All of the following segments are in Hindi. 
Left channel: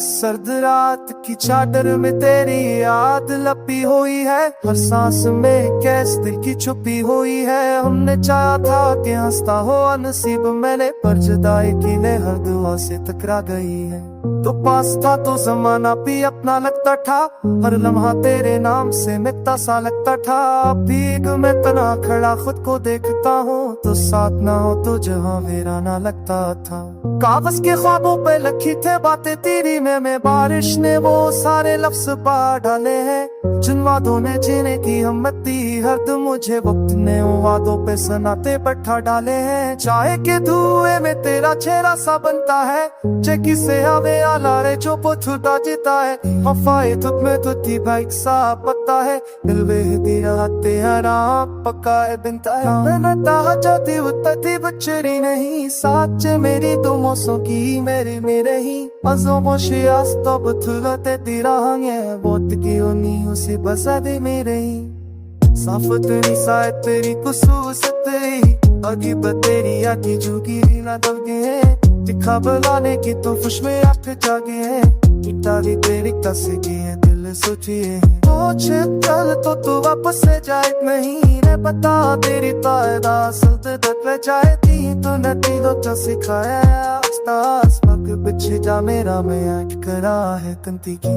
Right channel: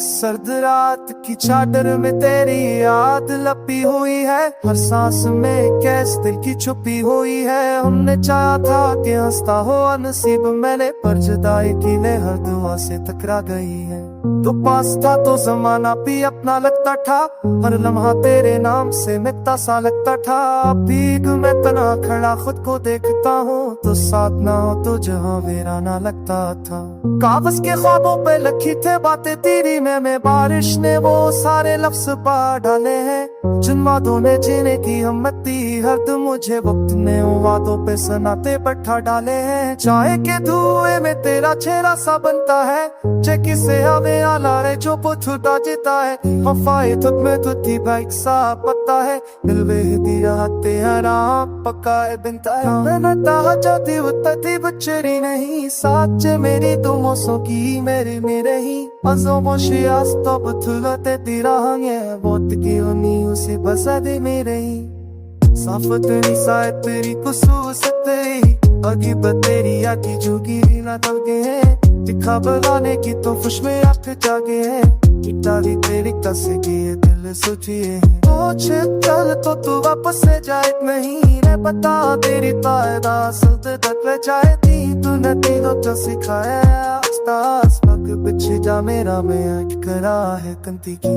सर्द रात की चादर में तेरी याद लपी हुई है, हर सांस में कैस दिल की छुपी हुई है। हमने चाहा था कि हंसता हो नसीब मैंने, पर जुदाई की लहर दुआ से टकरा गई है। तो पास था तो जमाना भी अपना लगता था, हर लम्हा तेरे नाम से मिटता सा लगता था। भीग मैं तना खड़ा खुद को देखता हूँ, तो साथ ना हो तो जहाँ वीराना लगता था। कागज के ख्वाबों पे लिखी थे बातें तेरी में बारिश ने वो सारे लफ्ज पा डाले हैं, जिन वादों ने जीने की हिम्मत दी हर दम मुझे वक्त ने उन वादों पे सनाते बैठा डाले हैं। चाय के धुएं में तेरा चेहरा सा बनता है, चेकी से हमें आला रे जो छूटा जीता है। वफाए तुझ में तुझी बाइक सा पता है, दिल बेहदी रहते हराम पक्का है बिनता है। मैं ताहा जाती उतती बच्चरी नहीं, साथ मेरी तुम सो की मेरी मेरे ही अजो मोशी आस्तो बुथुलते तीरा हंगे बोत की उनी उसी बसदे मेरे ही। साफत निसाए तेरी कुसूस तेरी अगी बतेरी आकी जुगी ना तलगे हैं, दिखा बुलाने की तो खुश में आंख जागे हैं। इटारी तेरी कसेगी है दिल सोचिए तो चल तो तू वापस से जाए नहीं रे बता तेरी तायदा सल्त तक ले जाए थी तू नती तो सिखाया आस्तास पग पीछे जा मेरा मैं आँख करा है कंती की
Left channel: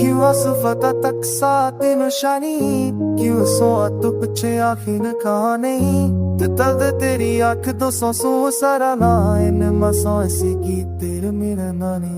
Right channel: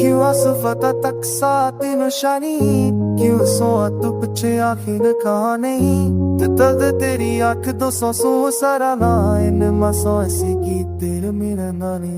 क्यों आसुफता तक साथ निशानी क्यों सोआ तू पीछे आखिर कहा नहीं दर्द तेरी आँख 200 सारा ना इन मासों ऐसी की तेरे मेरा नानी